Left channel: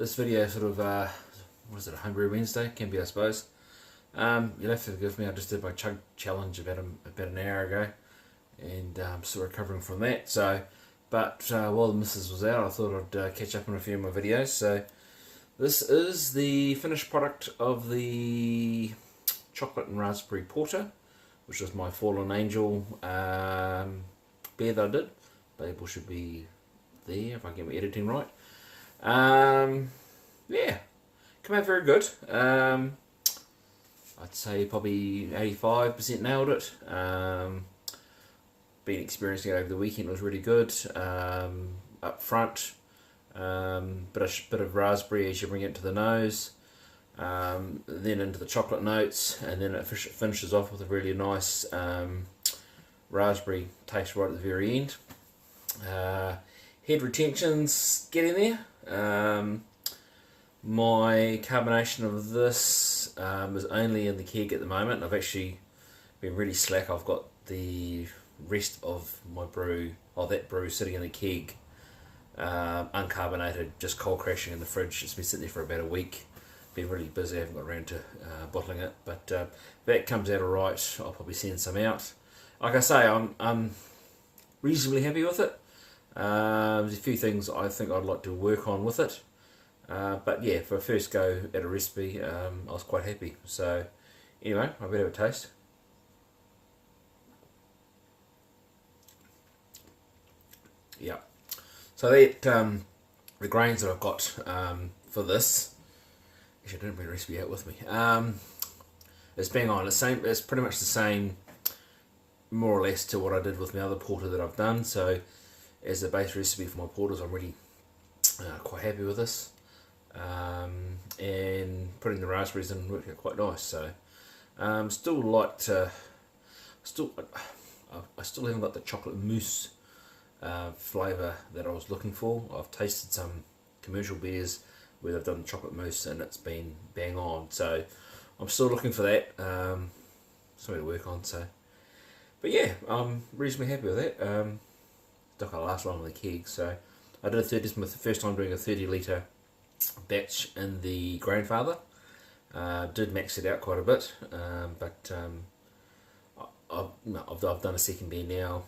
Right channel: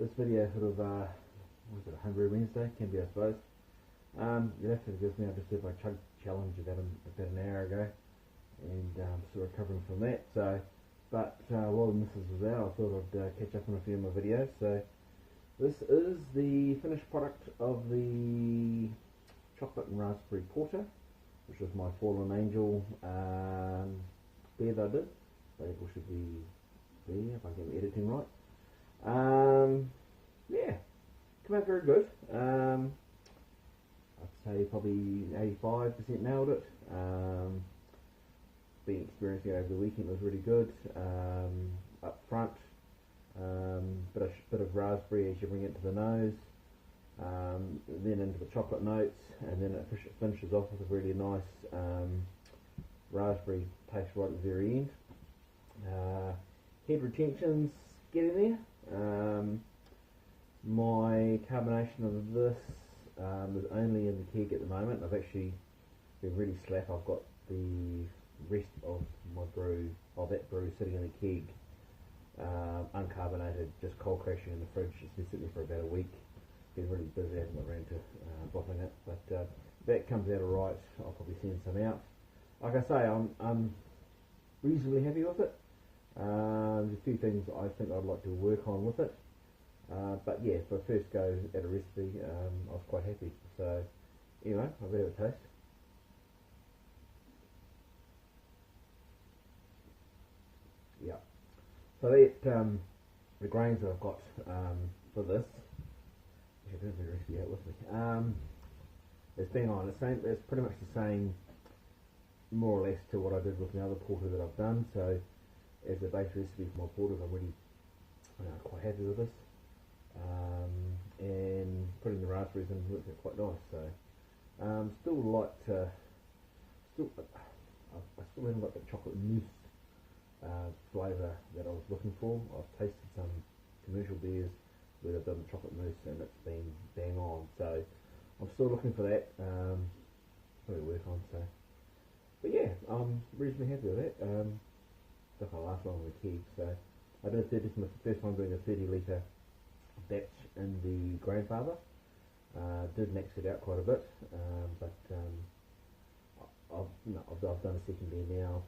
this video sort of, what is it, a Homebrew Wednesday? Can be, I suppose. You'll have to forgive me, I just did my chug challenge about an hour ago, and still recovering from that. So, but while the missus was out, I thought I'd catch up on a few of my videos. So, this is the finished product of the chocolate and raspberry porter, which is my Fallen Angel beer that I did. Label should be there if I get my editing right. Yeah, come out very good. I'd say probably 85% nailed it. Been experiencing it over the weekend, it was really good. Up front, bit of raspberry as you bring it to the nose, then into the chocolate notes, and then it finishes off with a really nice raspberry taste right at the very end. Head retention's getting there. My carbonation of this is only in the keg at the moment. I've actually been really slack. I've got the rest of my brew, that brew sitting in the keg, uncarbonated, just cold crashing in the fridge. It's been sitting there for about a week. Been really busy, I haven't got around to bottling it, but that comes out alright. I'll probably send some out. Like I say, I'm reasonably happy with it. There's a few things I think I'd like to work on with it. But yeah, for a first go at a recipe, I was quite happy. So anyway, I better have a taste. Yeah. So that the grains that I've got for this, actually I didn't bring the recipe out with me. It's bang on. It's pretty much the same, more or less, to what I did with my other porter that I've done. So as the base recipe for my porters, I'm really quite happy with this. And putting the raspberries in worked out quite nice. So still like to, I still haven't got the chocolate mousse flavour that I was looking for. I've tasted some commercial beers where they've done chocolate mousse and it's been bang on. So I'm still looking for that. Something to work on. So, but yeah, I'm reasonably happy with that. Not gonna last long in the keg. So I did this is my first time doing a 30 litre batch in the grandfather. Did max it out quite a bit, but I've done a second beer now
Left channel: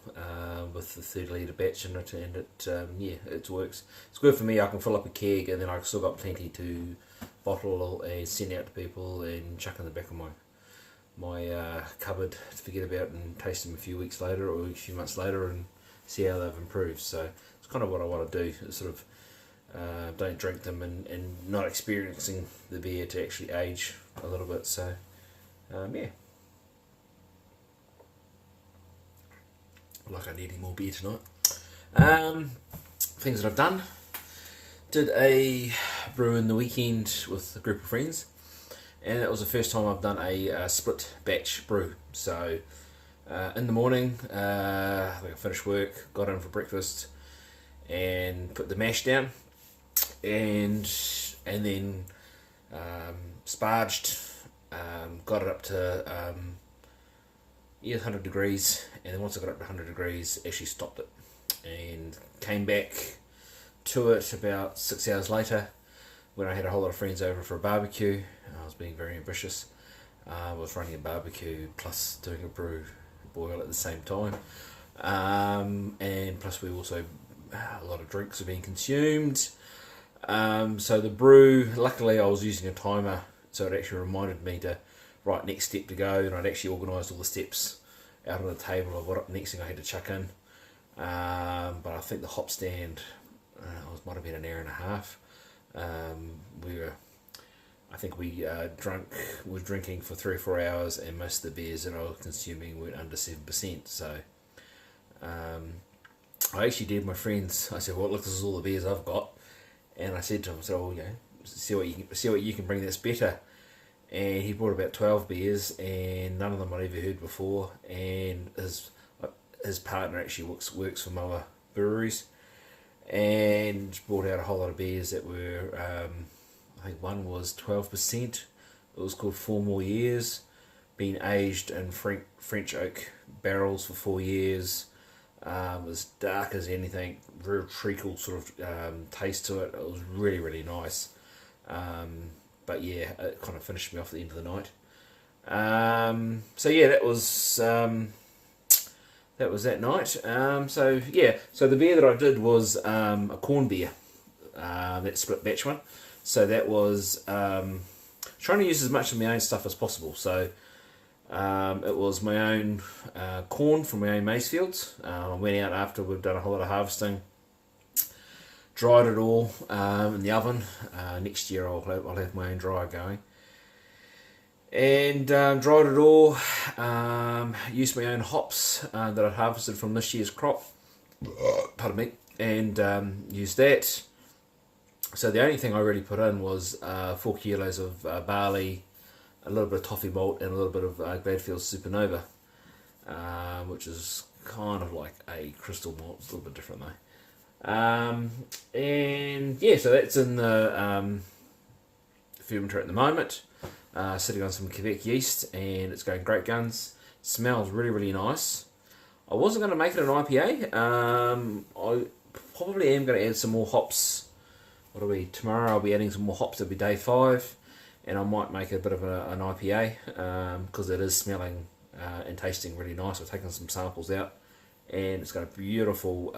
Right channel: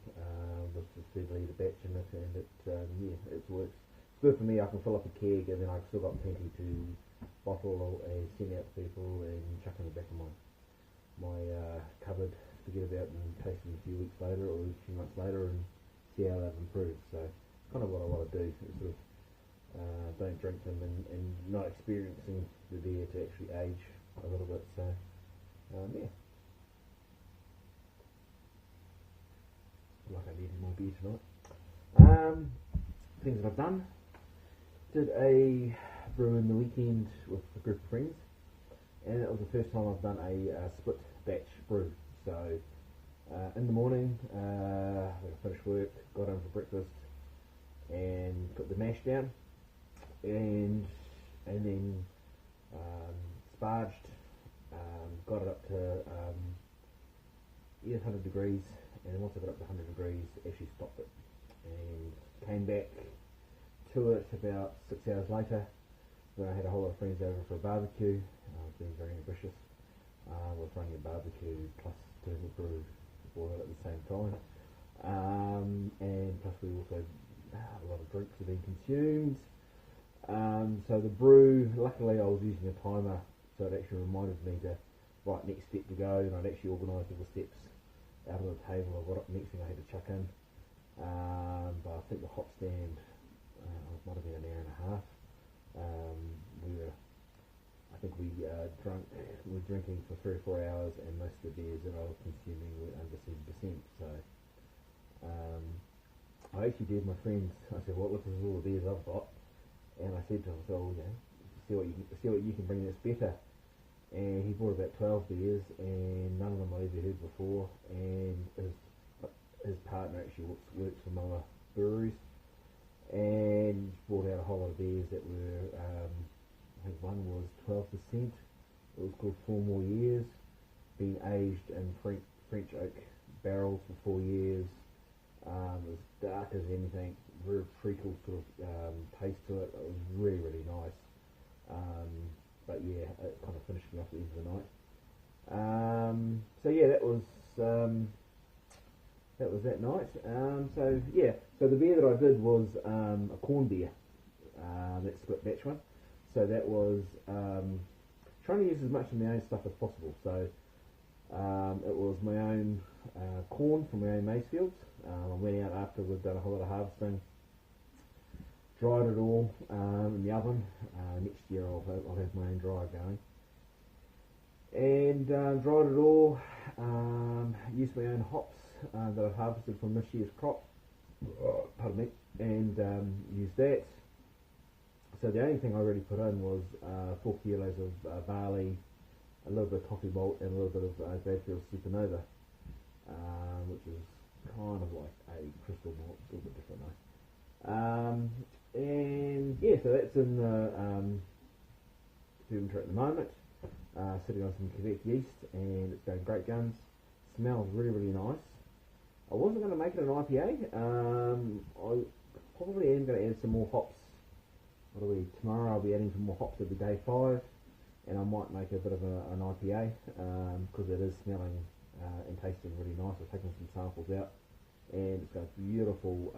with the 30 litre batch in it, and it works. It's good for me. I can fill up a keg, and then I've still got plenty to bottle and send out to people and chuck in the back of my cupboard to forget about and taste them a few weeks later or a few months later and see how they've improved. So it's kind of what I want to do. It's sort of don't drink them and not experiencing the beer to actually age a little bit. So yeah, like I need any more beer tonight. Things that I've done: did a brew in the weekend with a group of friends, and it was the first time I've done a split batch brew. So in the morning, I finished work, got in for breakfast, and put the mash down. And then sparged, got it up to 100 degrees, and then once I got up to 100 degrees, actually stopped it and came back to it about 6 hours later when I had a whole lot of friends over for a barbecue. I was being very ambitious. I was running a barbecue plus doing a brew boil at the same time, and plus we also a lot of drinks are being consumed. So the brew, luckily I was using a timer, so it actually reminded me to right next step to go, and I'd actually organised all the steps out on the table of what next thing I had to chuck in. But I think the hop stand might have been an hour and a half. We were drinking for 3 or 4 hours, and most of the beers that I was consuming were under 7%. So I actually did my friends. I said, "Well, look, this is all the beers I've got." And I said to him, "So, see what you can bring that's better." And he brought about 12 beers, and none of them I'd ever heard before. And his partner actually works for Moa Breweries, and brought out a whole lot of beers that were, I think one was 12%. It was called 4 More Years, been aged in French oak barrels for 4 years. As dark as anything, very treacle sort of taste to it. It was really, really nice. But yeah, it kind of finished me off at the end of the night. So yeah, that was that night. So yeah, so the beer that I did was a corn beer, that split batch one. So that was trying to use as much of my own stuff as possible. So it was my own corn from my own maize fields. I went out after we've done a whole lot of harvesting, dried it all in the oven. Next year I'll have my own dryer going. And dried it all, used my own hops that I'd harvested from this year's crop, pardon me, and used that. So the only thing I really put in was 4 kilos of barley, a little bit of toffee malt, and a little bit of Gladfield's Supernova, which is kind of like a crystal malt. It's a little bit different though. And yeah, so that's in the fermenter at the moment, sitting on some Quebec yeast, and it's going great guns. Smells really, really nice. I wasn't going to make it an IPA. I probably am going to add some more hops. What are we? Tomorrow I'll be adding some more hops. It'll be day 5, and I might make it a bit of an IPA because it is smelling and tasting really nice. I've taken some samples out, and it's got a beautiful,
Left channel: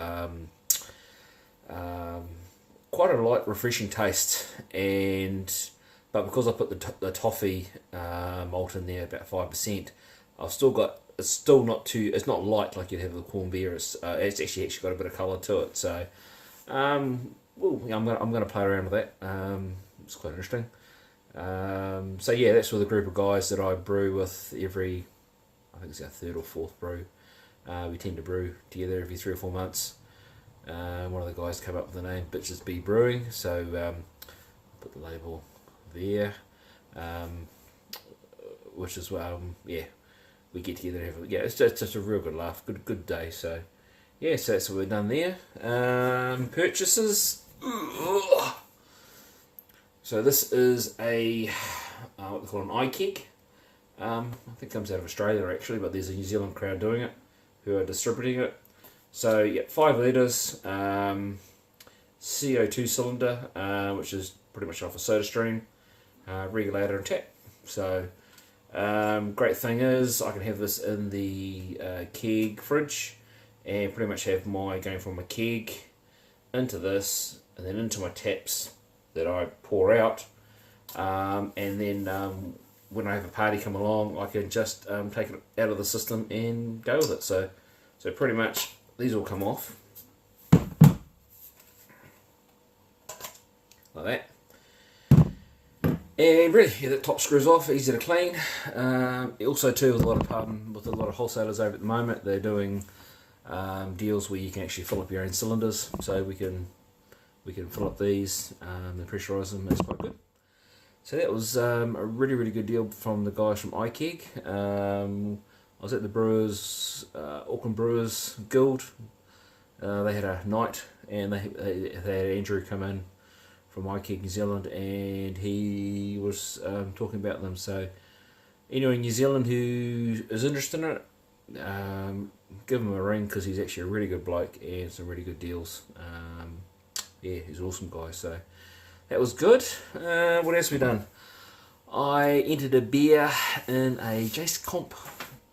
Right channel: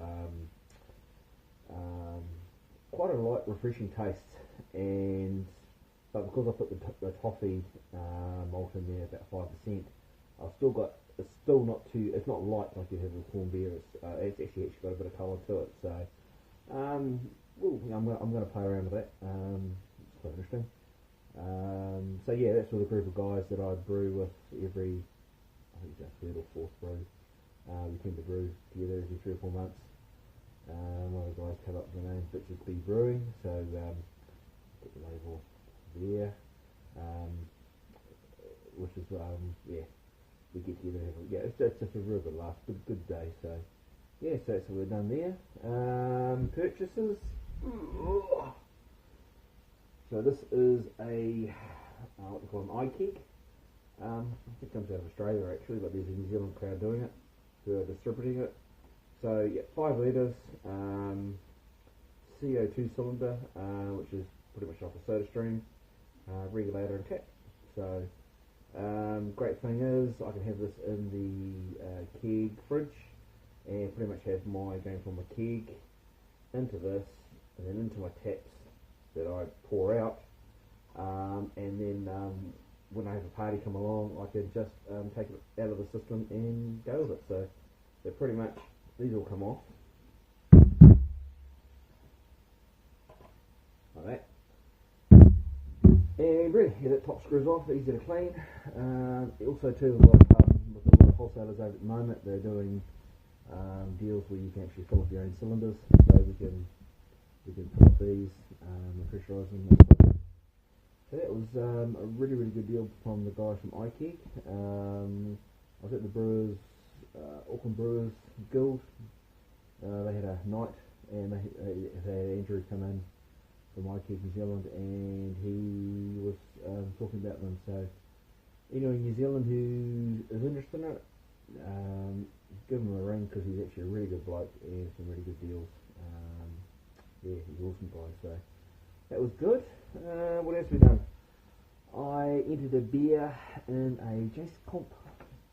quite a light, refreshing taste. But because I put the toffee malt in there, about 5%, I've still got. It's still not too. It's not light like you'd have with corn beer. It's actually got a bit of colour to it. So. Well, I'm gonna play around with that. It's quite interesting. So yeah, that's with a group of guys that I brew with every, I think it's our 3rd or 4th brew. We tend to brew together every 3 or 4 months. One of the guys came up with the name Bitches Be Brewing, so put the label there. Which is yeah, we get together and have it's just a real good laugh, good day. So yeah, so that's what we've done there. Purchases. So this is a what they call an iKeg. I think it comes out of Australia actually, but there's a New Zealand crowd doing it who are distributing it. So yeah, 5 litres, CO2 cylinder, which is pretty much off a soda stream, regulator and tap. So great thing is I can have this in the keg fridge and pretty much have my going from my keg into this and then into my taps that I pour out, and then when I have a party come along, I can just take it out of the system and go with it. So pretty much these all come off like that, and really yeah, that top screws off, easy to clean. Also too, with a lot of wholesalers over at the moment, they're doing deals where you can actually fill up your own cylinders, so we can fill up these and pressurise them. It's quite good. So that was a really, really good deal from the guys from iKeg. I was at the Brewers, Auckland Brewers Guild. They had a night, and they had Andrew come in from iKeg New Zealand, and he was talking about them. So anyone in New Zealand who is interested in it, give him a ring, because he's actually a really good bloke and some really good deals. Yeah, he's an awesome guy. So that was good. What else have we done? I entered a beer in a Jace Comp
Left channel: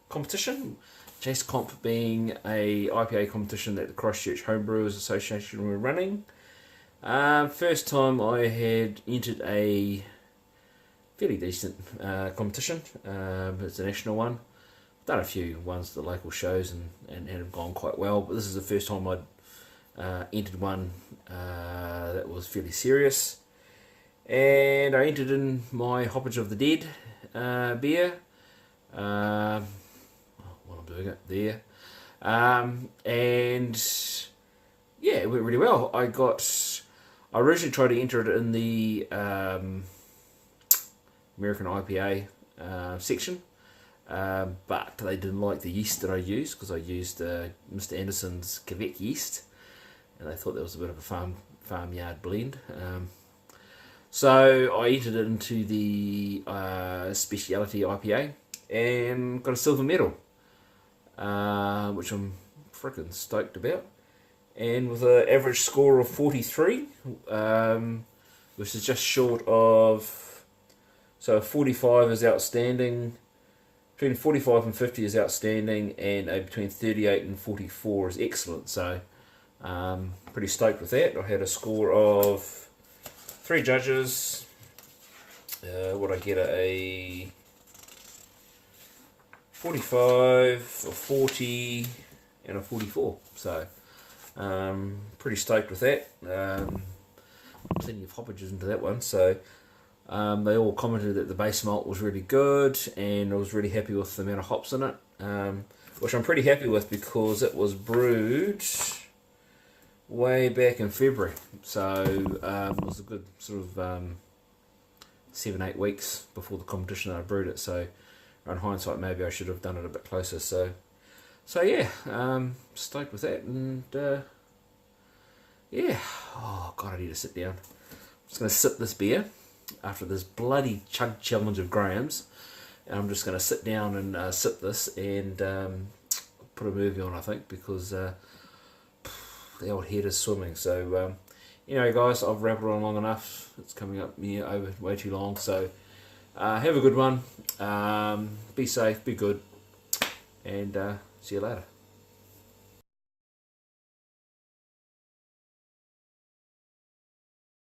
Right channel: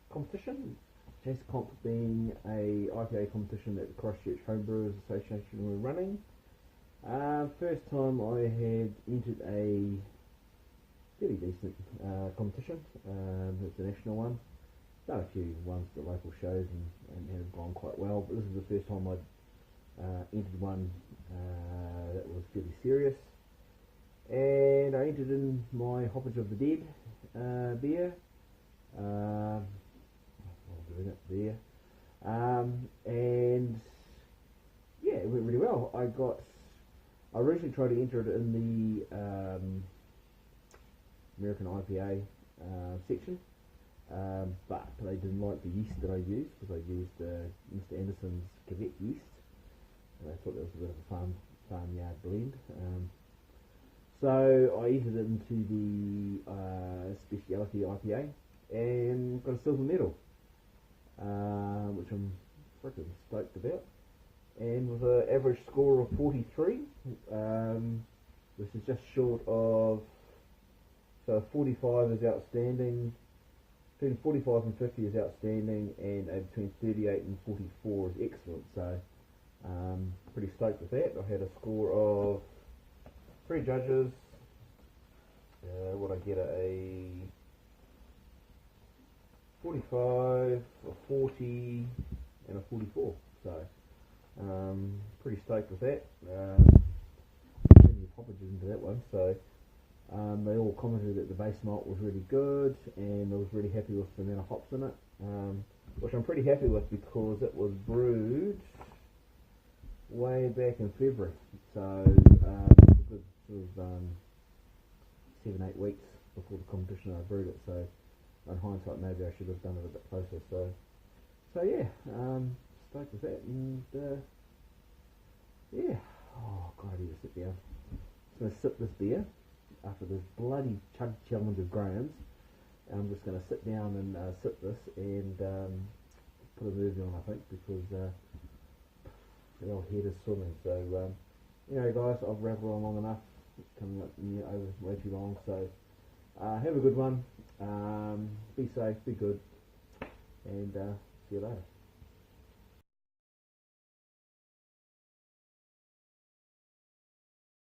competition. Jace Comp being a IPA competition that the Christchurch Homebrewers Association were running. First time I had entered a fairly decent competition. It's a national one. Done a few ones at the local shows and have gone quite well, but this is the first time I'd entered one that was fairly serious. And I entered in my Hoppage of the Dead beer. While I'm doing it there. And yeah, it went really well. I originally tried to enter it in the American IPA section. But they didn't like the yeast that I used, because I used Mr. Anderson's Quebec yeast, and they thought that was a bit of a farmyard blend. So I entered it into the speciality IPA and got a silver medal, which I'm freaking stoked about. And with an average score of 43, which is just short of, so 45 is outstanding, between 45 and 50 is outstanding, and between 38 and 44 is excellent. So pretty stoked with that. I had a score of 3 judges. Would I get a 45, a 40, and a 44? So pretty stoked with that. Plenty of hoppages into that one. So they all commented that the base malt was really good, and I was really happy with the amount of hops in it, which I'm pretty happy with because it was brewed way back in February. So it was a good sort of 7-8 weeks before the competition that I brewed it. So in hindsight, maybe I should have done it a bit closer. So yeah, stoked with that, and yeah. Oh god, I need to sit down. I'm just going to sip this beer after this bloody chug challenge of Graham's, and I'm just going to sit down and sip this and put a movie on, I think, because the old head is swimming. So anyway guys, I've rambled on long enough. It's coming up over way too long. So have a good one. Be safe, be good, and see you later.